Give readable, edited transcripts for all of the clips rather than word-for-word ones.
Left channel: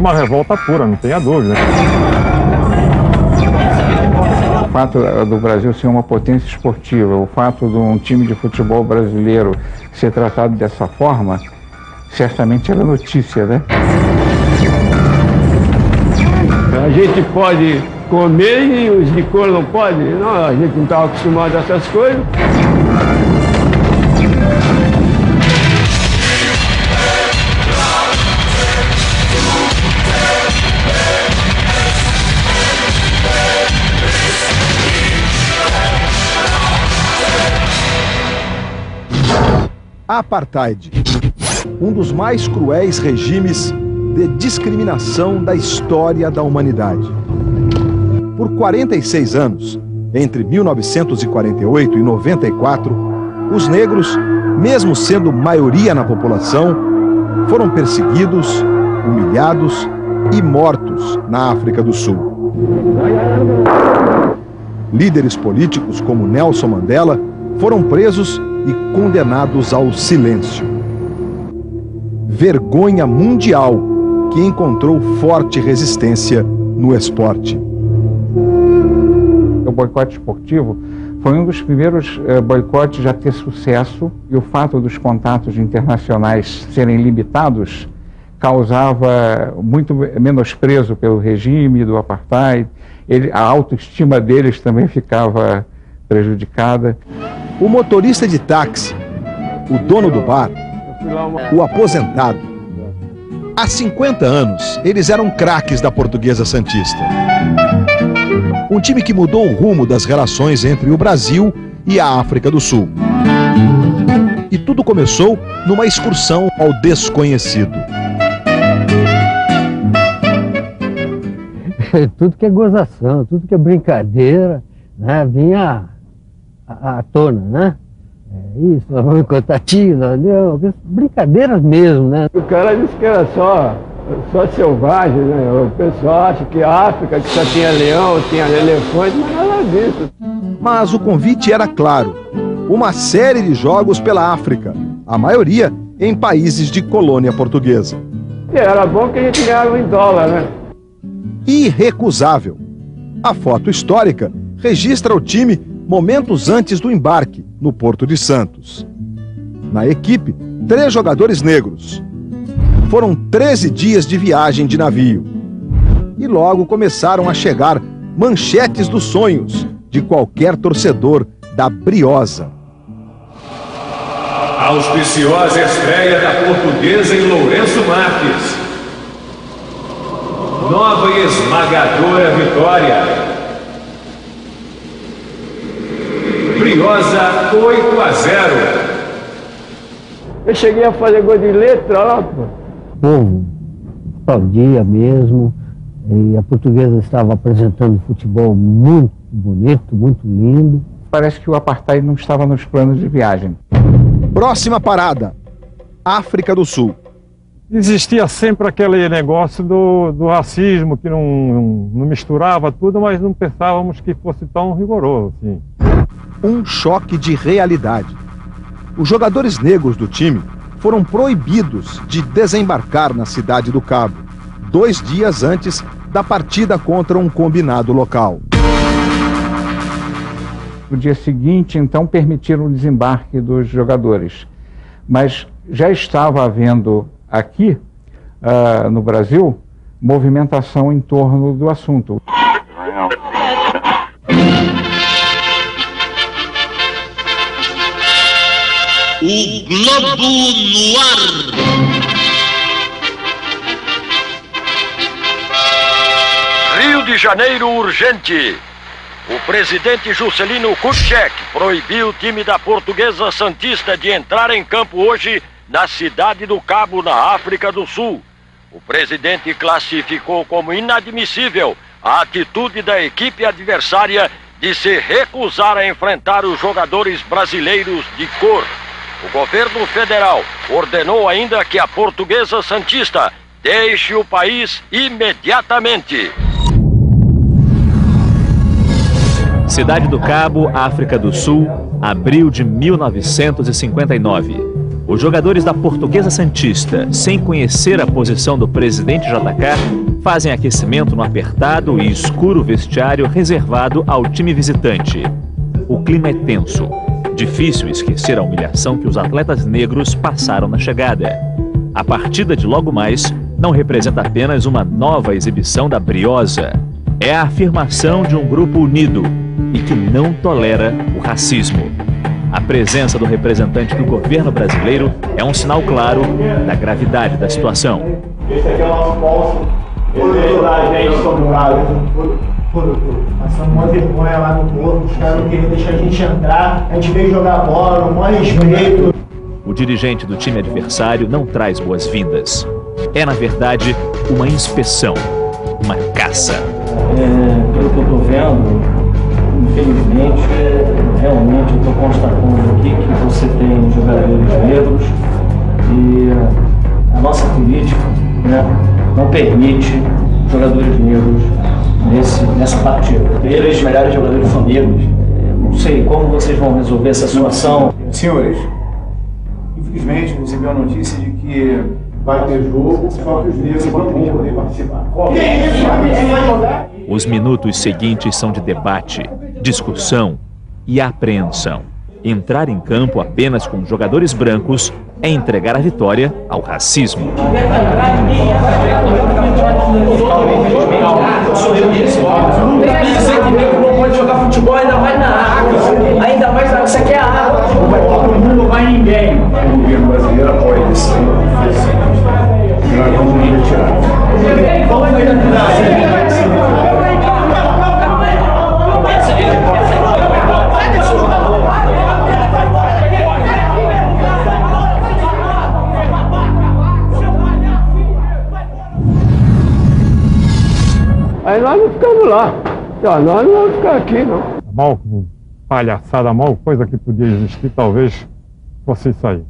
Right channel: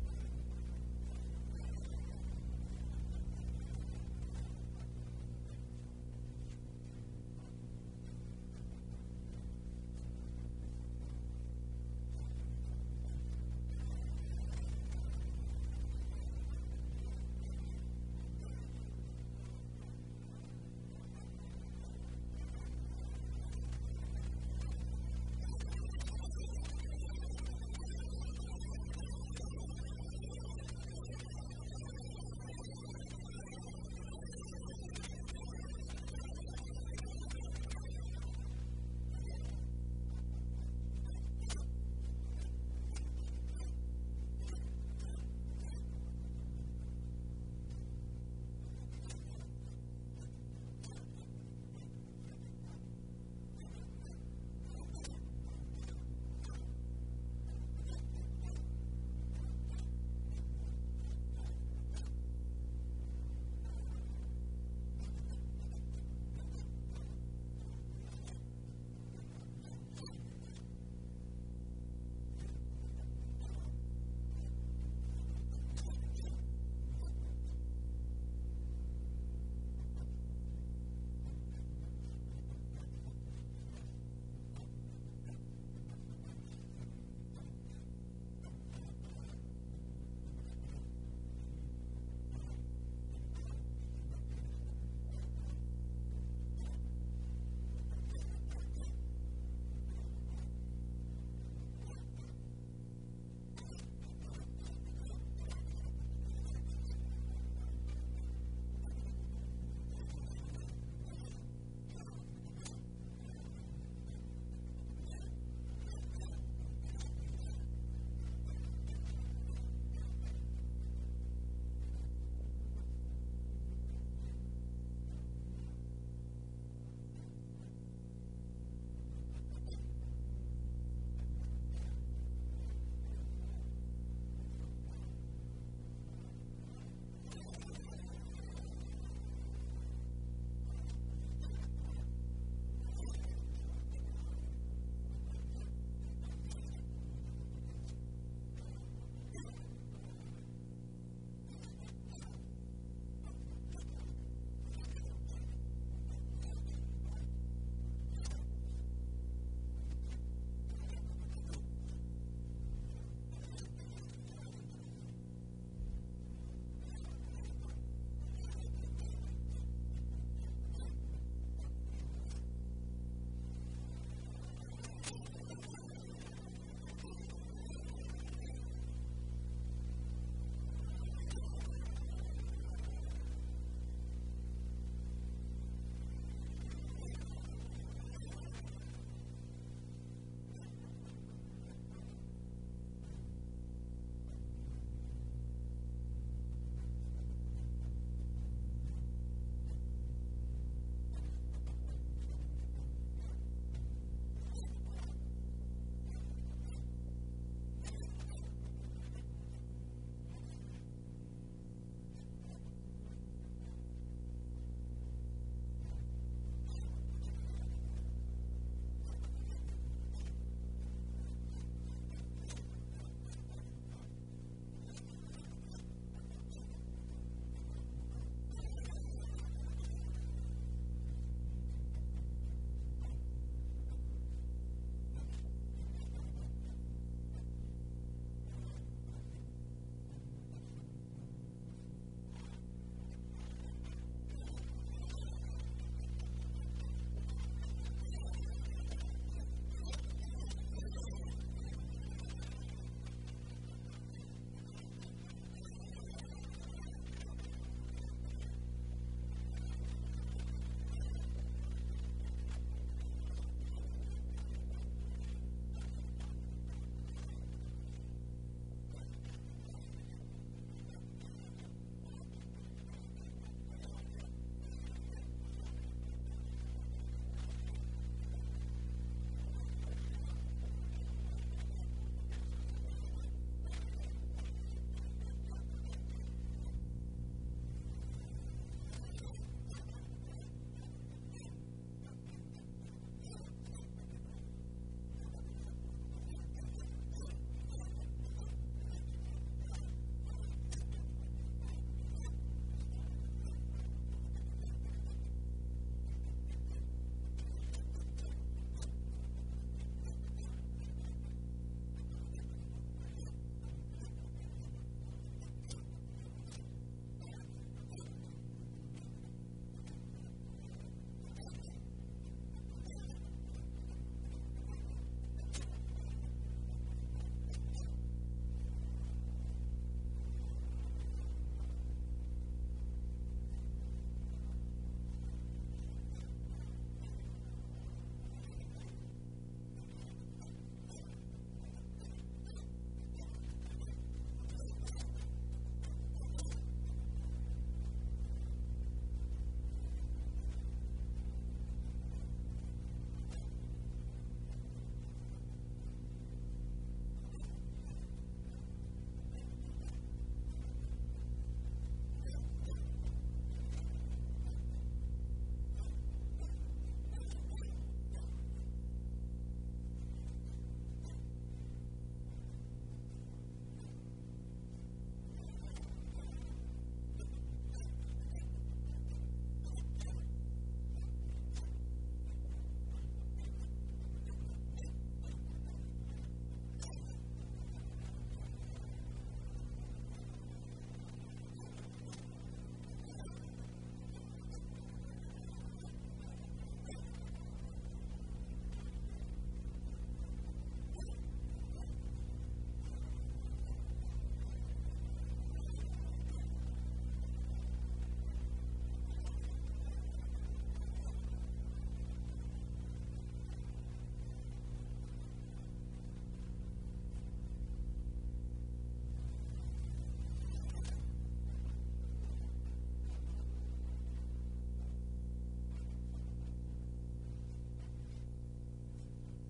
uma revolta pura, não tenha dúvida. O fato do Brasil ser uma potência esportiva, o fato de um time de futebol brasileiro ser tratado dessa forma, certamente era notícia, né? A gente pode comer e os de cor não podem? Não, a gente não estava acostumado a essas coisas. Apartheid, um dos mais cruéis regimes de discriminação da história da humanidade. Por 46 anos, entre 1948 e 94, os negros, mesmo sendo maioria na população, foram perseguidos, humilhados e mortos na África do Sul. Líderes políticos como Nelson Mandela foram presos e condenados ao silêncio. Vergonha mundial que encontrou forte resistência no esporte. O boicote esportivo foi um dos primeiros boicotes a ter sucesso, e o fato dos contatos internacionais serem limitados causava muito menosprezo pelo regime do apartheid. A autoestima deles também ficava prejudicada. O motorista de táxi, o dono do bar, o aposentado. Há 50 anos, eles eram craques da Portuguesa Santista. Um time que mudou o rumo das relações entre o Brasil e a África do Sul. E tudo começou numa excursão ao desconhecido. Tudo que é gozação, tudo que é brincadeira, né, vinha à tona, né? Isso, nós vamos encontrar tio, brincadeiras mesmo, né? O cara disse que era só selvagem, né? O pessoal acha que a África que só tinha leão, tinha elefante, mas nada disso. Mas o convite era claro, uma série de jogos pela África, a maioria em países de colônia portuguesa. E era bom que a gente ganhava em dólar, né? Irrecusável. A foto histórica registra o time momentos antes do embarque, no Porto de Santos. Na equipe, 3 jogadores negros. Foram 13 dias de viagem de navio. E logo começaram a chegar manchetes dos sonhos de qualquer torcedor da Briosa. Auspiciosa estreia da Portuguesa em Lourenço Marques. Nova e esmagadora vitória. Briosa 8-0. Eu cheguei a fazer gol de letra lá, pô. O povo aplaudia mesmo, e a Portuguesa estava apresentando futebol muito bonito, muito lindo. Parece que o apartheid não estava nos planos de viagem. Próxima parada, África do Sul. Existia sempre aquele negócio do racismo, que não misturava tudo, mas não pensávamos que fosse tão rigoroso assim. Um choque de realidade. Os jogadores negros do time foram proibidos de desembarcar na cidade do Cabo, 2 dias antes da partida contra um combinado local. No dia seguinte, então, permitiram o desembarque dos jogadores. Mas já estava havendo aqui, no Brasil, movimentação em torno do assunto. O Globo no ar. Rio de Janeiro urgente. O presidente Juscelino Kubitschek proibiu o time da Portuguesa Santista de entrar em campo hoje na cidade do Cabo, na África do Sul. O presidente classificou como inadmissível a atitude da equipe adversária de se recusar a enfrentar os jogadores brasileiros de cor. O governo federal ordenou ainda que a Portuguesa Santista deixe o país imediatamente. Cidade do Cabo, África do Sul, abril de 1959. Os jogadores da Portuguesa Santista, sem conhecer a posição do presidente JK, fazem aquecimento no apertado e escuro vestiário reservado ao time visitante. O clima é tenso. Difícil esquecer a humilhação que os atletas negros passaram na chegada. A partida de logo mais não representa apenas uma nova exibição da Briosa. É a afirmação de um grupo unido e que não tolera o racismo. A presença do representante do governo brasileiro é um sinal claro da gravidade da situação. Esse aqui é o nosso bolso. A gente passando uma vergonha lá no corpo, os caras não queriam deixar a gente entrar, a gente veio jogar bola, no maior respeito. O dirigente do time adversário não traz boas-vindas. É, na verdade, uma inspeção, uma caça. Pelo que eu estou vendo, infelizmente, realmente eu estou constatando aqui que você tem jogadores negros e a nossa política, né, não permite jogadores negros nessa partida. Eles, os melhores jogadores são negros. Não sei como vocês vão resolver essa situação. Senhores, infelizmente recebi a notícia de que vai ter jogo, só que os negros não vão poder participar. Os minutos seguintes são de debate, discussão e apreensão. Entrar em campo apenas com jogadores brancos é entregar a vitória ao racismo. Dizer que negro não pode jogar futebol, ainda mais na África. Ainda mais na África. Isso aqui é a África. Não vai ninguém. O governo brasileiro apoia isso. Nós vamos nos retirar. Aí nós não ficamos lá. Nós não vamos ficar aqui, não. A maior palhaçada, a maior coisa que podia existir, talvez fosse isso aí.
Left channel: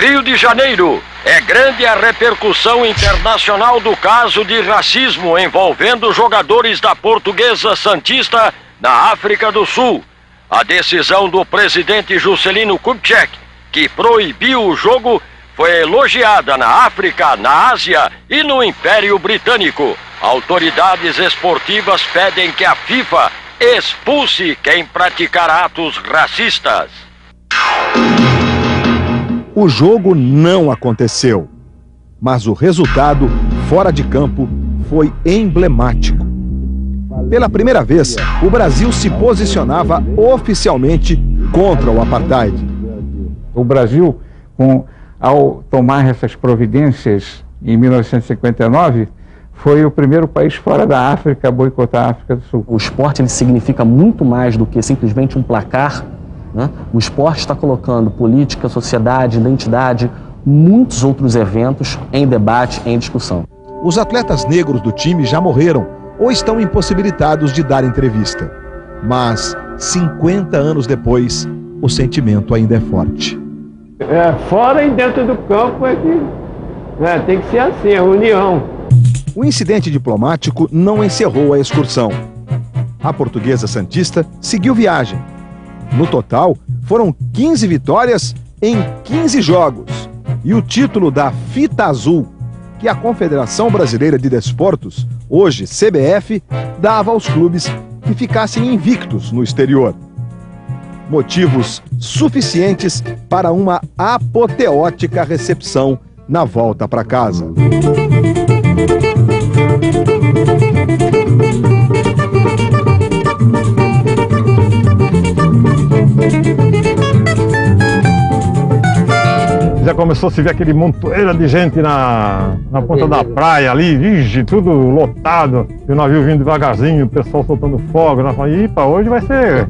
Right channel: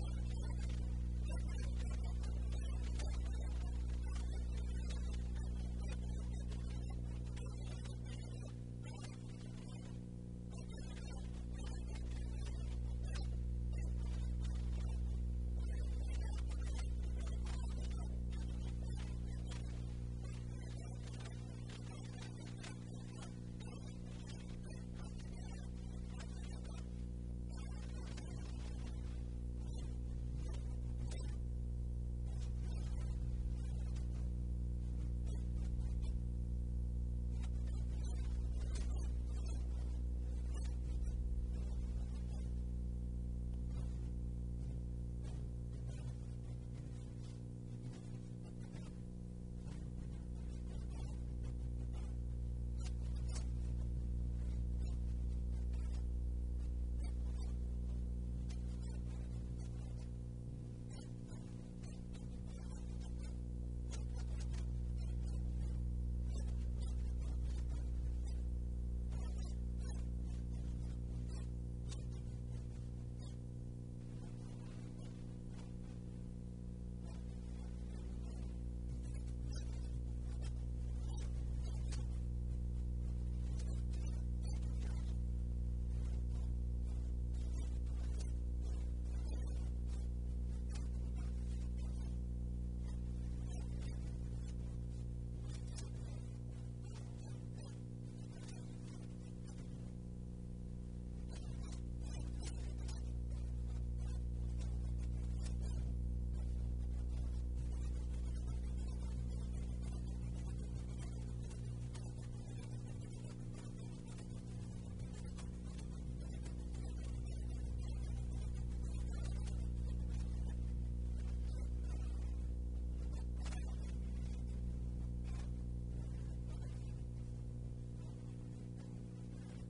Rio de Janeiro. É grande a repercussão internacional do caso de racismo envolvendo jogadores da Portuguesa Santista na África do Sul. A decisão do presidente Juscelino Kubitschek, que proibiu o jogo, foi elogiada na África, na Ásia e no Império Britânico. Autoridades esportivas pedem que a FIFA expulse quem praticar atos racistas. O jogo não aconteceu, mas o resultado fora de campo foi emblemático. Pela primeira vez, o Brasil se posicionava oficialmente contra o apartheid. O Brasil, ao tomar essas providências em 1959, foi o primeiro país fora da África a boicotar a África do Sul. O esporte ele significa muito mais do que simplesmente um placar, né? O esporte está colocando política, sociedade, identidade, muitos outros eventos em debate, em discussão. Os atletas negros do time já morreram ou estão impossibilitados de dar entrevista. Mas, 50 anos depois, o sentimento ainda é forte. Fora e dentro do campo é que tem que ser assim, a união. O incidente diplomático não encerrou a excursão. A Portuguesa Santista seguiu viagem. No total, foram 15 vitórias em 15 jogos. E o título da Fita Azul, que a Confederação Brasileira de Desportos, hoje CBF, dava aos clubes que ficassem invictos no exterior. Motivos suficientes para uma apoteótica recepção na volta para casa. Já começou a se ver aquele montoeira de gente na ponta da praia ali, vige, tudo lotado. E o navio vindo devagarzinho, o pessoal soltando fogo. Nós falamos, "Ih, hoje vai ser."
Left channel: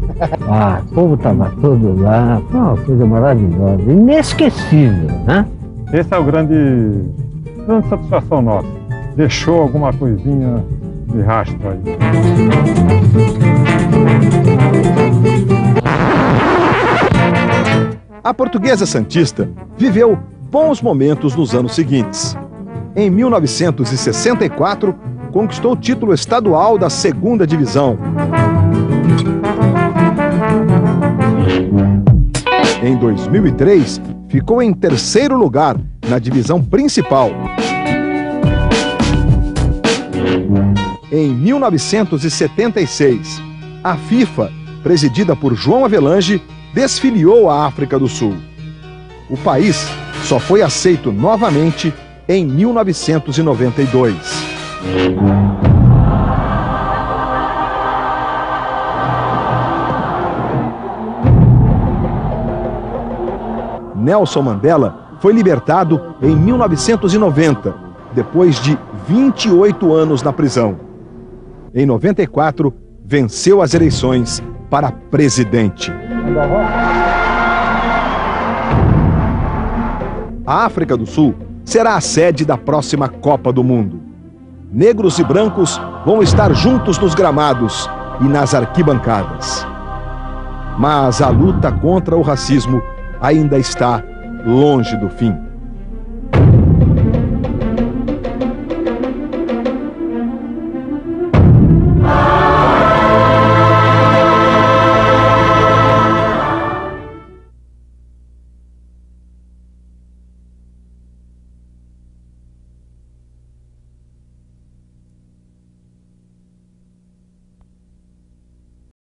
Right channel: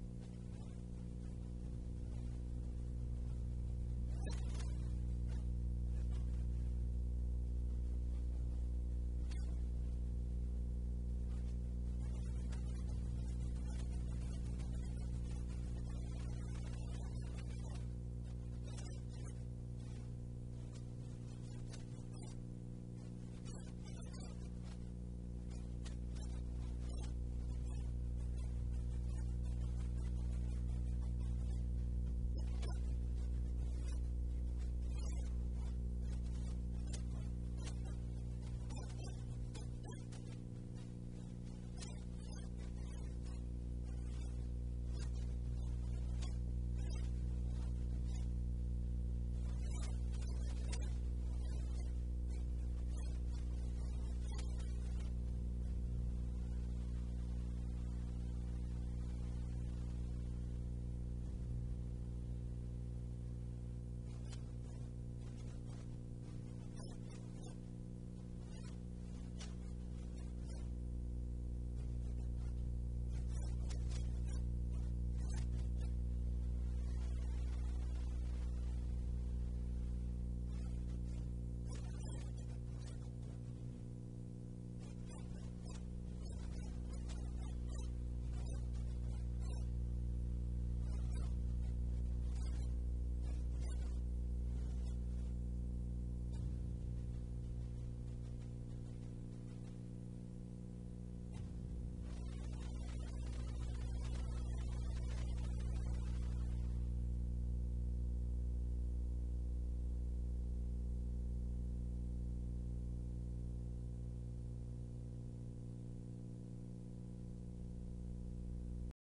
O povo estava todo lá, foi uma coisa maravilhosa, inesquecível, né? Essa é a grande satisfação nossa. Deixou alguma coisinha de rastro aí. A Portuguesa Santista viveu bons momentos nos anos seguintes. Em 1964, conquistou o título estadual da 2ª divisão. Em 2003, ficou em terceiro lugar na divisão principal. Em 1976, a FIFA, presidida por João Avelange, desfiliou a África do Sul. O país só foi aceito novamente em 1992. Nelson Mandela foi libertado em 1990, depois de 28 anos na prisão. Em 94, venceu as eleições para presidente. A África do Sul será a sede da próxima Copa do Mundo. Negros e brancos vão estar juntos nos gramados e nas arquibancadas. Mas a luta contra o racismo ainda está longe do fim.